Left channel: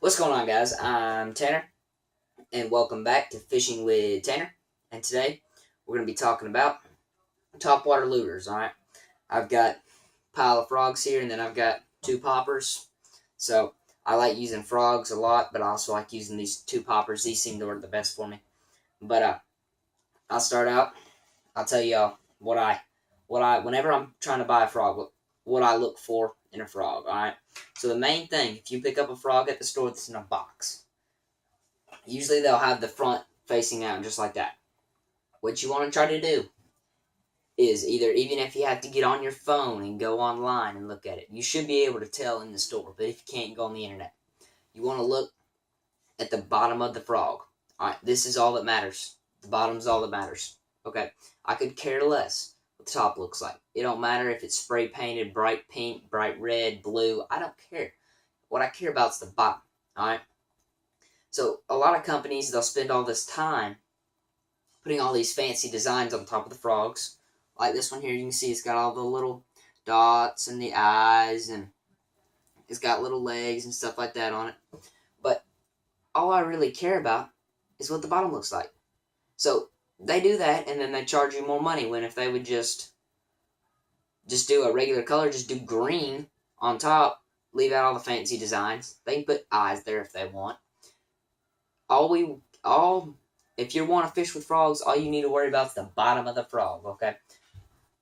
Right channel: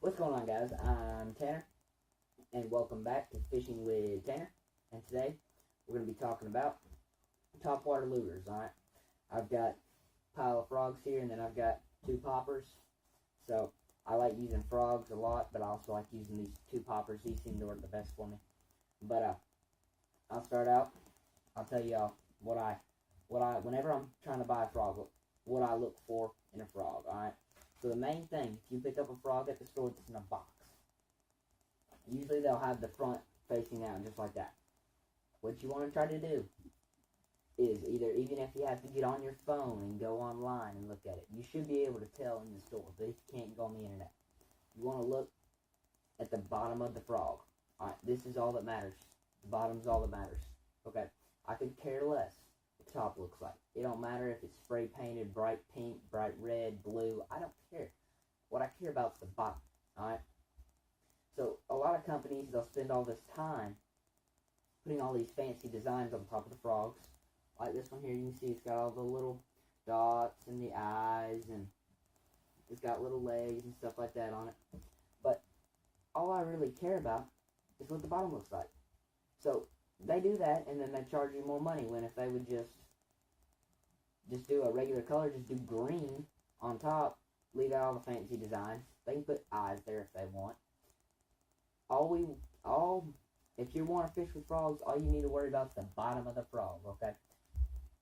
What's going on, guys? I'm Tanner, and welcome back to Fishing with Tanner. And today we're going to be talking about topwater lures. All right, I've got a pile of frogs here, and then I've got two poppers. So I like using frogs a lot, but I also like using these two poppers. These seem to work the best for me. But I'll start out. I'll tell y'all what I whenever I'm trying to buy a frog, what I look for in a frog. All right. So the main thing, if you pick up a frog at the store that's in a box, usually they'll have the front facing out just like that. What you want to try to do is either, even if you have to get on your phone and go online and look at it, you should be able to tell in the store. But if you can't, go on the internet. You want to look at the bottom of the frog. All right, this is all that matters. The bottom's all that matters. Okay, I could care less what the top looks like. It don't matter if it's spray painted bright pink, bright red, blue. I don't care. What I care about is the bottom. All right. So a lot of companies, they'll spend all this time putting all these fancy designs on top of the frogs. Like this one here, you can see it's got all the little dots and the eyes, and it's got little legs and stuff like that on it. But all I really care about is what the bottom looks like. So they do that, and then they charge you more money, when if they would just do a regular color, just do green on top, leave out all the fancy designs. They can put eyes there if they want. All if you want to fish with frogs, all you need to worry about is the bottom of the frog. Okay,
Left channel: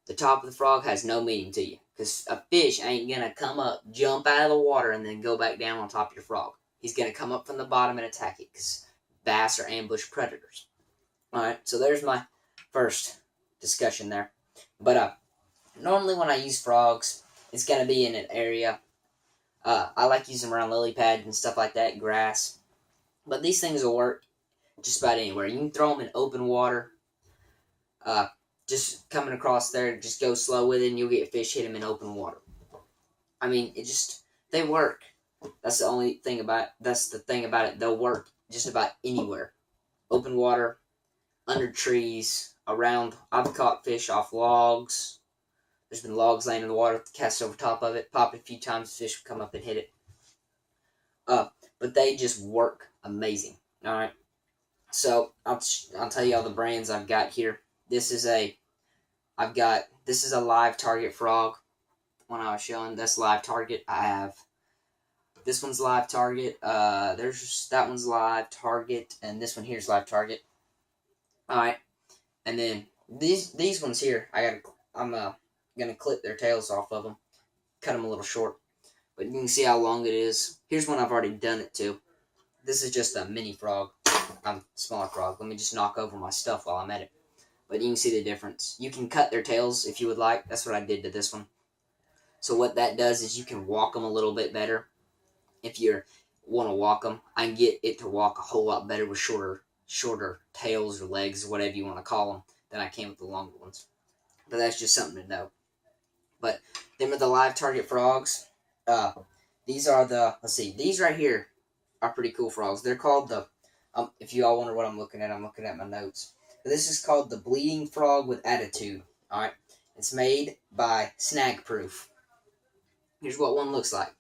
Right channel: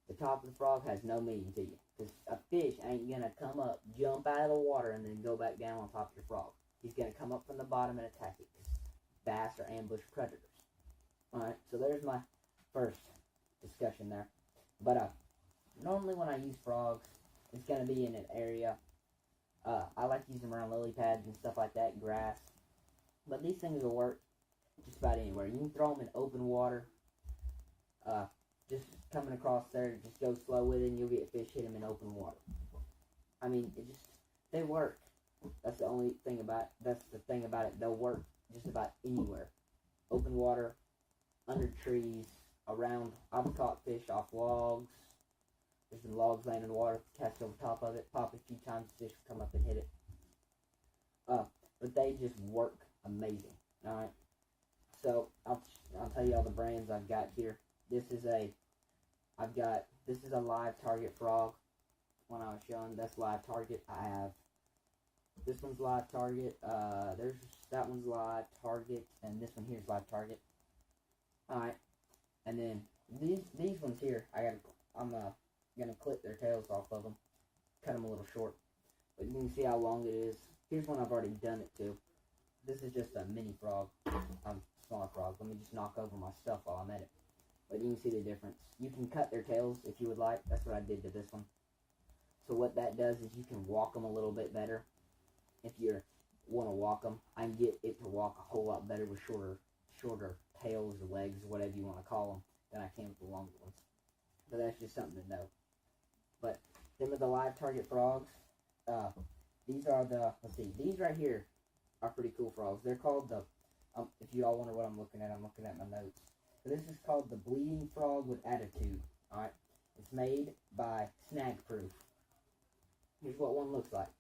the top of the frog has no meaning to you, because a fish ain't gonna come up, jump out of the water, and then go back down on top of your frog. He's gonna come up from the bottom and attack it, because bass are ambush predators. All right, so there's my first discussion there. But normally when I use frogs, it's gonna be in an area. I like using them around lily pads and stuff like that, grass. But these things will work just about anywhere. You can throw them in open water. Uh, just coming across there, just go slow with it, and you'll get fish hit them in open water. I mean, they work. That's the thing about it. They'll work just about anywhere. Open water, under trees, around. I've caught fish off logs. There's been logs laying in the water, cast over top of it, pop it a few times, fish will come up and hit it. But they just work amazing. All right. So I'll tell you all the brands I've got here. This is a live target frog. One I was showing, that's live target. I have this one's live target. There's that one's live target, and this one here's live target. All right, and then these ones here, I'm gonna clip their tails off of them, cut them a little short, but you can see how long it is. Here's one I've already done it to. This is just a mini frog. Smaller frog. Let me just knock over my stuff while I'm at it. But you can see the difference. You can cut their tails if you would like. That's what I did to this one. So what that does is you can walk them a little bit better. If you want to walk them, I can get it to walk a whole lot better with shorter tails or legs, or whatever you want to call them, than I can with the longer ones. But that's just something to know. But them are the live target frogs. These are these right here are pretty cool frogs. They're called the, if you all wonder what I'm looking at my notes. This is called the bleeding frog with attitude. All right, it's made by Snag Proof. Here's what one looks like.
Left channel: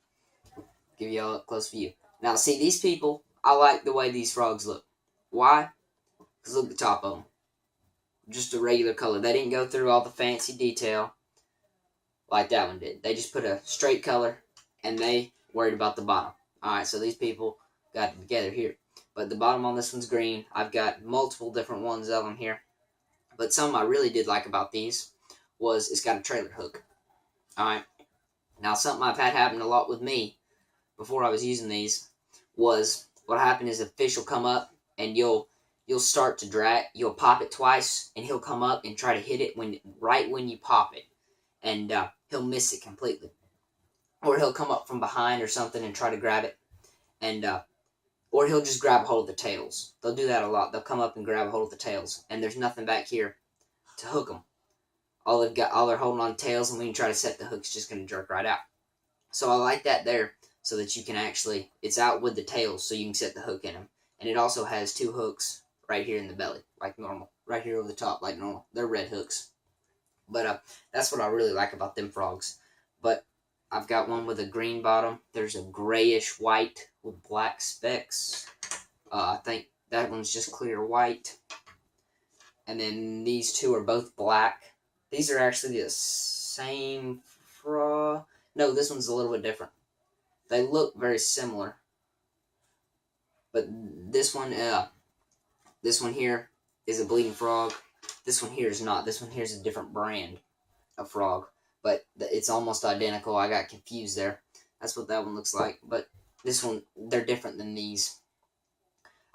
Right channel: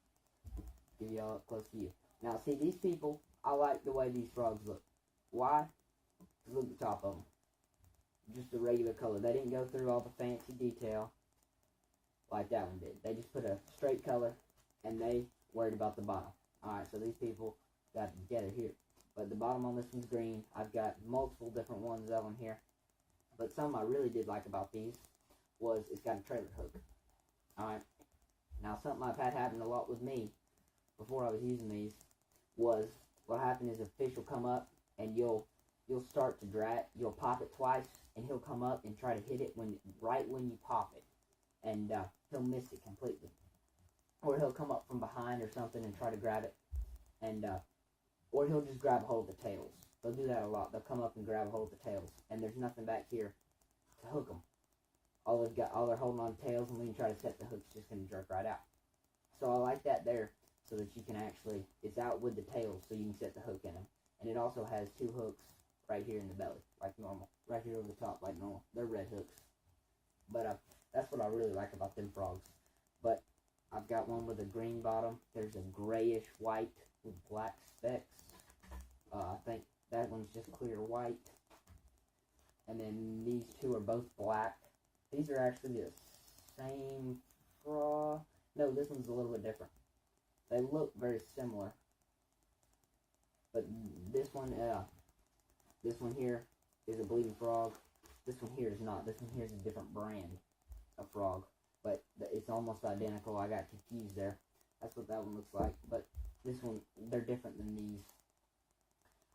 Give you all a close view. Now, see, these people, I like the way these frogs look. Why? Because look at the top of them. Just a regular color. They didn't go through all the fancy detail like that one did. They just put a straight color, and they worried about the bottom. Alright, so these people got it together here. But the bottom on this one's green. I've got multiple different ones of them here. But something I really did like about these was it's got a trailer hook. Alright. Now, something I've had happen a lot with me before I was using these was, what happened is a fish will come up, and you'll start to drag. You'll pop it twice, and he'll come up and try to hit it right when you pop it. And he'll miss it completely. Or he'll come up from behind or something and try to grab it. And or he'll just grab a hold of the tails. They'll do that a lot. They'll come up and grab a hold of the tails, and there's nothing back here to hook them. All they're holding on to tails, and when you try to set the hook, it's just going to jerk right out. So I like that there, so that you can actually, it's out with the tails, so you can set the hook in them. And it also has two hooks right here in the belly, like normal. Right here over the top, like normal. They're red hooks. But that's what I really like about them frogs. But I've got one with a green bottom. There's a grayish white with black specks. I think that one's just clear white. And then these two are both black. These are actually the same frog. No, this one's a little bit different. They look very similar. But this one here is a bleeding frog. This one here is not. This one here is a different brand of frog. But it's almost identical. I got confused there. That's what that one looks like. But this one, they're different than these.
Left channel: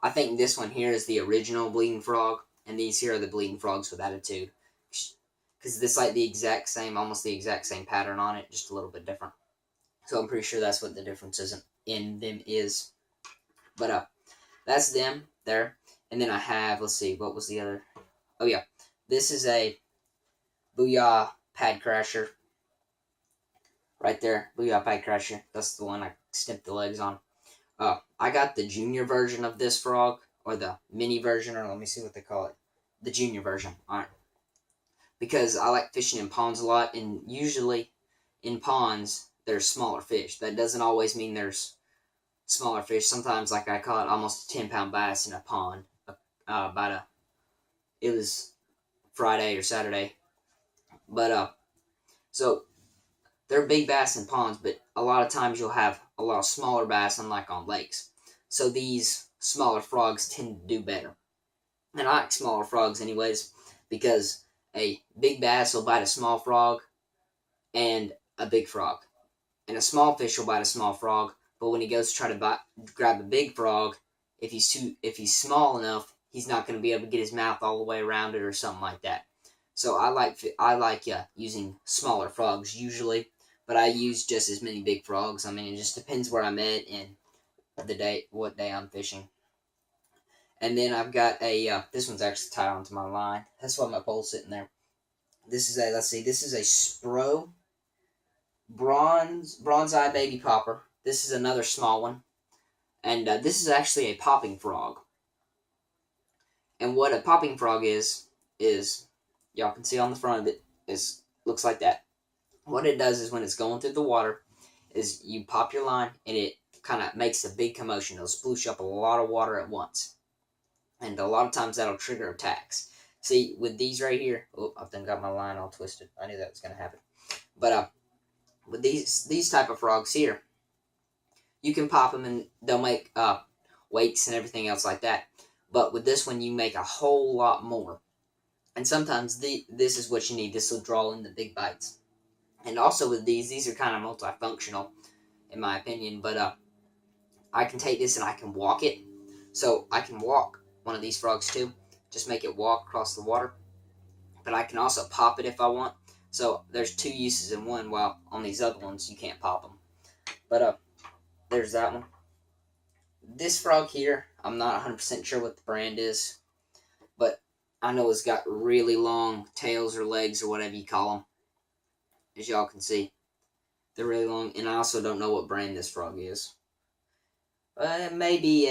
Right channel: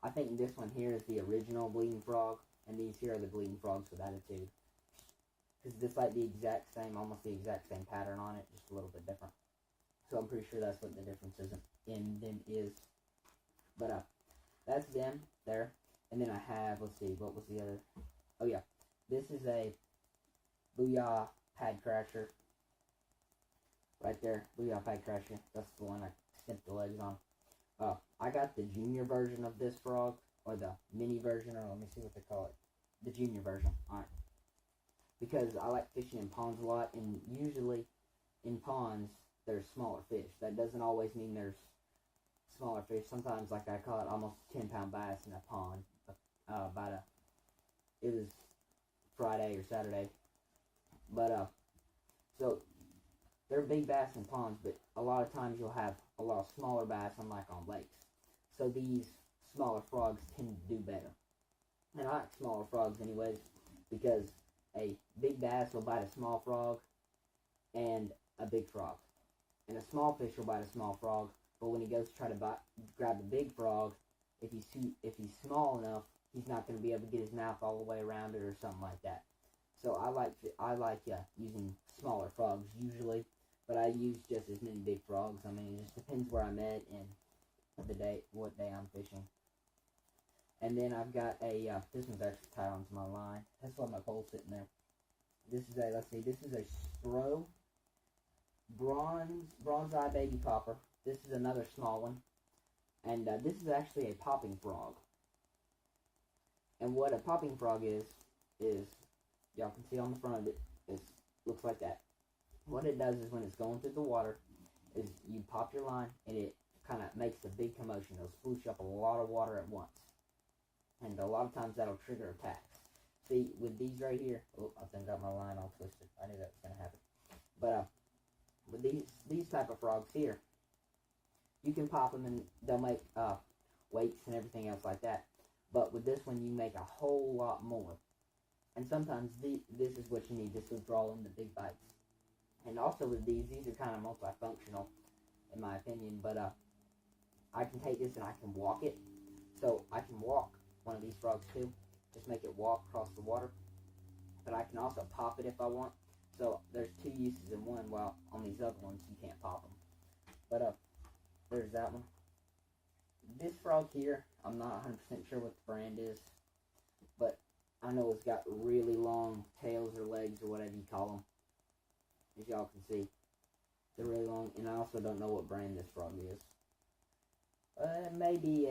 I think this one here is the original bleeding frog, and these here are the bleeding frogs with attitude. Because it's like the exact same, almost the exact same pattern on it, just a little bit different. So I'm pretty sure that's what the difference in them is. But that's them there. And then I have, let's see, what was the other? Oh yeah, this is a Booyah Pad Crasher. Right there, Booyah Pad Crasher. That's the one I snipped the legs on. I got the junior version of this frog, or the mini version, or let me see what they call it. The junior version. Alright. Because I like fishing in ponds a lot, and usually in ponds, there's smaller fish. That doesn't always mean there's smaller fish. Sometimes, like I caught almost a 10-pound bass in a pond. It was Friday or Saturday. But, so, they're big bass in ponds, but a lot of times you'll have a lot of smaller bass, unlike on lakes. So these smaller frogs tend to do better. And I like smaller frogs anyways, because a big bass will bite a small frog and a big frog. And a small fish will bite a small frog, but when he goes to try to grab a big frog, if he's small enough, he's not going to be able to get his mouth all the way around it or something like that. So I like using smaller frogs usually, but I use just as many big frogs. I mean, it just depends where I'm at and what day I'm fishing. And then I've got this one's actually tied onto my line. That's why my pole's sitting there. This is a Spro bronze eye baby popper. This is another small one, and this is actually a popping frog. And what a popping frog is y'all can see on the front of it looks like that. What it does is when it's going through the water, is you pop your line and it kind of makes a big commotion. It'll sploosh up a lot of water at once, and a lot of times that'll trigger attacks. See, with these right here, I've done got my line all twisted. I knew that was gonna happen. But with these type of frogs here, you can pop them and they'll make wakes and everything else like that. But with this one, you make a whole lot more. And sometimes this is what you need. This will draw in the big bites. And also with these are kind of multifunctional, in my opinion. But I can take this and I can walk it. So I can walk one of these frogs too. Just make it walk across the water. But I can also pop it if I want. So there's two uses in one, while on these other ones you can't pop them. But there's that one. This frog here, I'm not 100% sure what the brand is, but I know it's got really long tails or legs or whatever you call them. As y'all can see, they're really long, and I also don't know what brand this frog is. It may be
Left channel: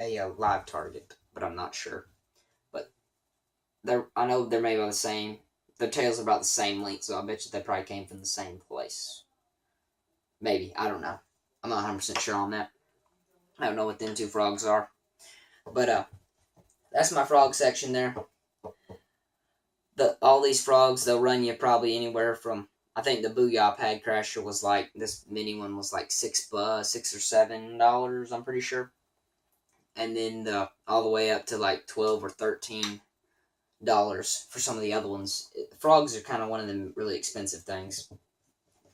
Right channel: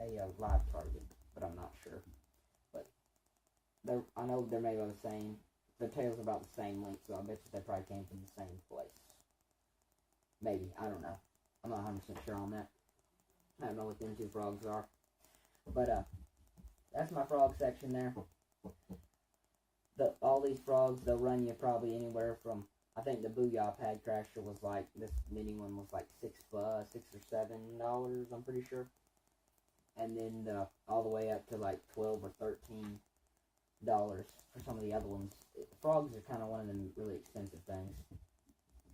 a live target, but I'm not sure. But I know they're made by the same. Their tails are about the same length, so I bet you they probably came from the same place. Maybe, I don't know. I'm not 100% sure on that. I don't know what them two frogs are. But that's my frog section there. All these frogs, they'll run you probably anywhere from, I think the Booyah Pad Crasher was like, this mini one was like $6 or $7, I'm pretty sure. And then all the way up to like $12 or $13 for some of the other ones. Frogs are kind of one of them really expensive things.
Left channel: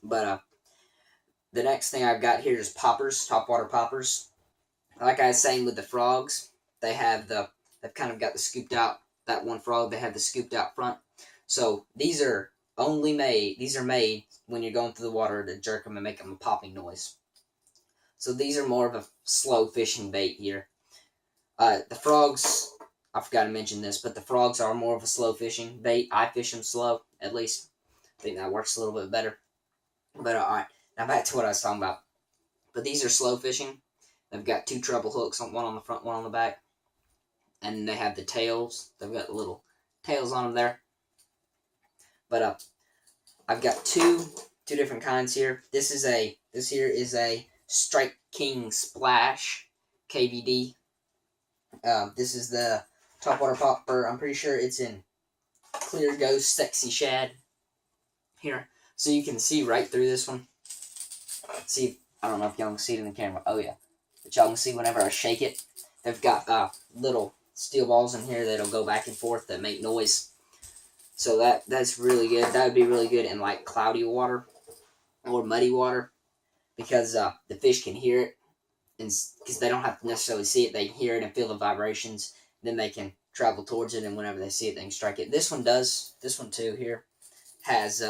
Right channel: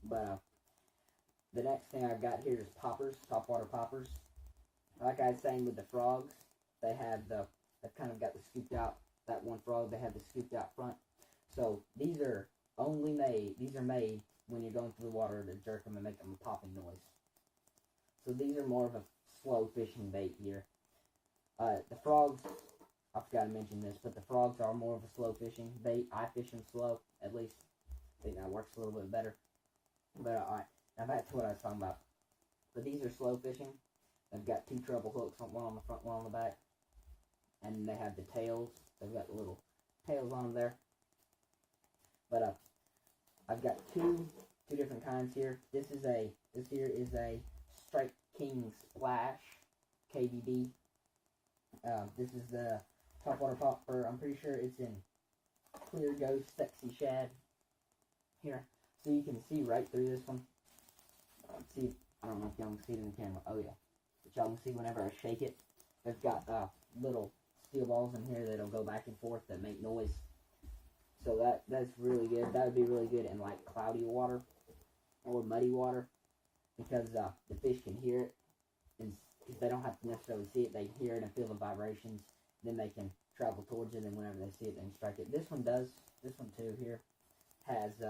But the next thing I've got here is poppers, topwater poppers. Like I was saying with the frogs, they've kind of got the scooped out, that one frog, they have the scooped out front. So these are made when you're going through the water to jerk them and make them a popping noise. So these are more of a slow fishing bait here. The frogs, I forgot to mention this, but the frogs are more of a slow fishing bait. I fish them slow, at least. I think that works a little bit better. But alright, now back to what I was talking about. But these are slow fishing. They've got two treble hooks, one on the front, one on the back. And they have the tails. They've got little tails on them there. But I've got two different kinds here. This here is a Strike King Splash KVD. This is the Topwater Popper. I'm pretty sure it's in Clear Ghost Sexy Shad here. So you can see right through this one. See, I don't know if y'all can see it in the camera. Oh yeah. But y'all can see whenever I shake it, they've got little steel balls in here that'll go back and forth that make noise. So that's really good. That would be really good in like cloudy water or muddy water, because the fish can hear it, and because they don't have to necessarily see it, they can hear it and feel the vibrations. Then they can travel towards it, and whenever they see it, they can strike it. This one does. This one too here has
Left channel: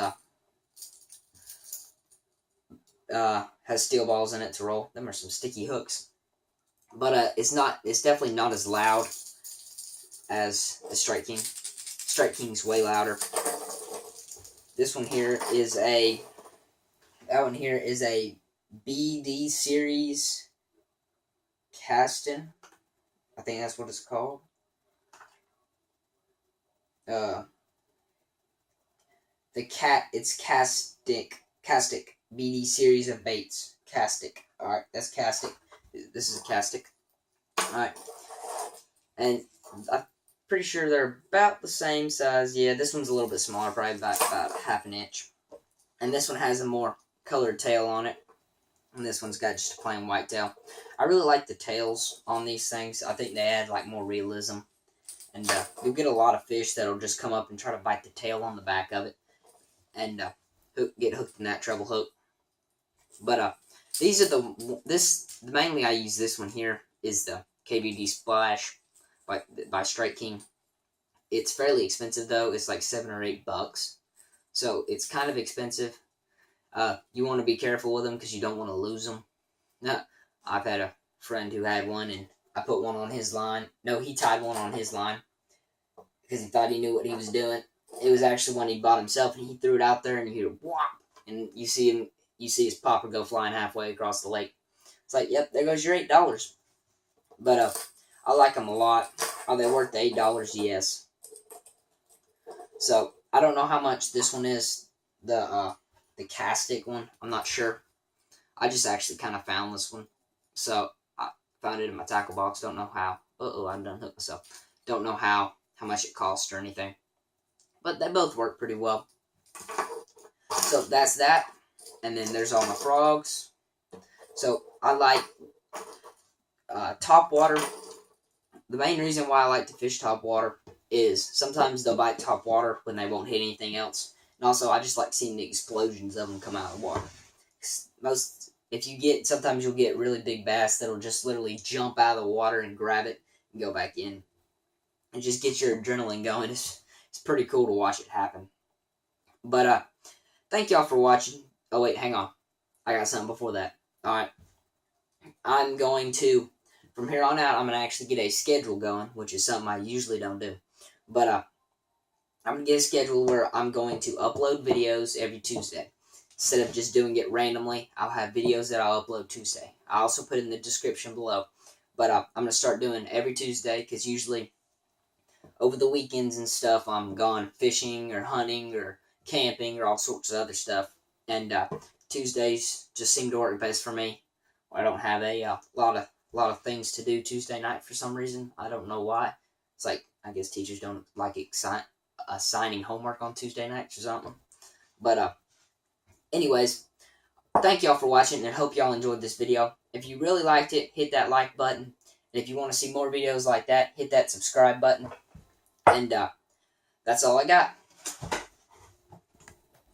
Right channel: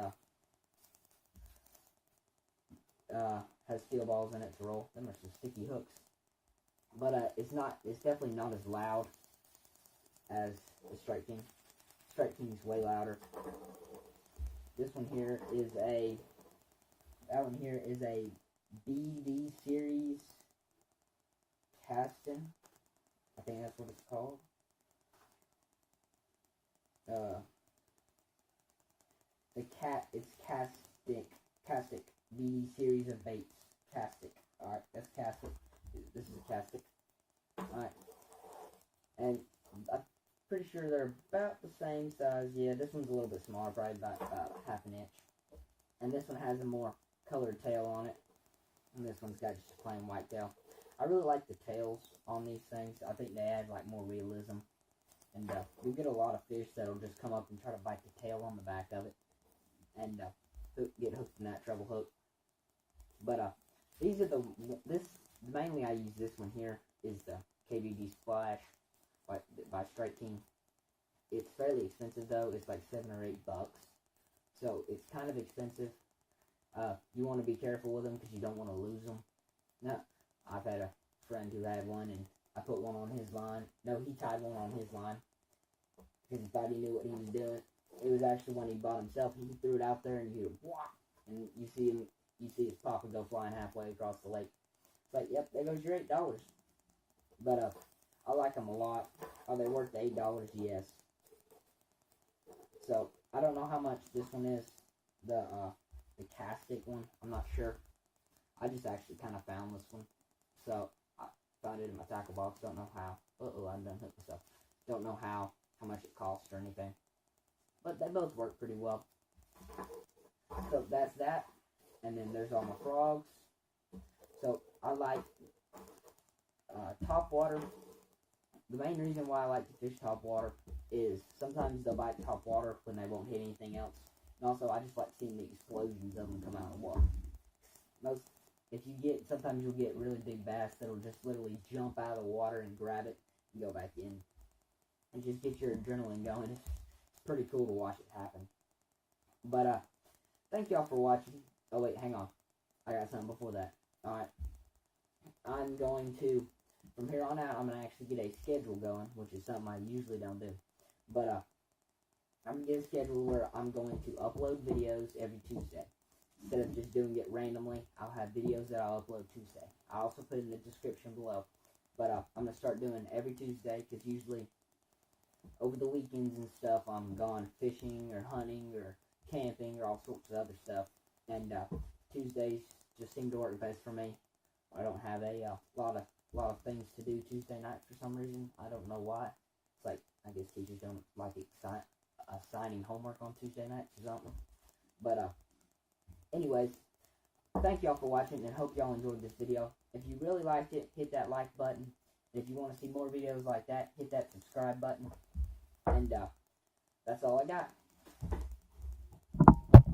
steel balls in it to roll. Them are some sticky hooks, but it's definitely not as loud as the Strike King. Strike King's way louder. This one here is a BD series casting. I think that's what it's called. It's Castic BD series of baits. Castic. Alright, that's Castic. This is Castic. Alright. And I'm pretty sure they're about the same size. Yeah, this one's a little bit smaller, probably about half an inch. And this one has a more colored tail on it. And this one's got just a plain white tail. I really like the tails on these things. I think they add like more realism. And you'll get a lot of fish that'll just come up and try to bite the tail on the back of it. And get hooked in that treble hook. But these are mainly I use this one here is the KVD Splash by Strike King. It's fairly expensive though. It's like $7 or $8. So it's kind of expensive. You want to be careful with them because you don't want to lose them. Now, I've had a friend who had one, and I put one on his line. No, he tied one on his line because he thought he knew what he was doing. It was actually one he bought himself, and he threw it out there, and you hear whop, and you see his popper go flying halfway across the lake. It's like, yep, there goes your $8. But I like them a lot. Are they worth the $8? Yes. So I don't know how much this one is. The Castic one, I'm not sure. I just actually kind of found this one. So, I found it in my tackle box. Don't know how. Uh-oh, I'm done hooked myself. Don't know how much it cost or anything. But they both work pretty well. So, that's that. And then there's all my frogs. So, I like Topwater. The main reason why I like to fish Topwater is sometimes they'll bite Topwater when they won't hit anything else. And also, I just like seeing the explosions of them come out of the water. Sometimes you'll get really big bass that'll just literally jump out of the water and grab it and go back in. And just get your adrenaline going. It's pretty cool to watch it happen. But, thank y'all for watching. Oh, wait, hang on. I got something before that. Alright. I'm going to, from here on out, I'm going to actually get a schedule going, which is something I usually don't do. But, I'm going to get a schedule where I'm going to upload videos every Tuesday. Instead of just doing it randomly, I'll have videos that I'll upload Tuesday. I'll also put it in the description below. But I'm going to start doing every Tuesday, because usually over the weekends and stuff, I'm gone fishing or hunting or camping or all sorts of other stuff. And Tuesdays just seem to work best for me. I don't have a lot of things to do Tuesday night for some reason. I don't know why. It's like, I guess teachers don't like assigning homework on Tuesday nights or something. But anyways, thank y'all for watching, and hope y'all enjoyed this video. If you really liked it, hit that like button. And if you want to see more videos like that, hit that subscribe button. And that's all I got.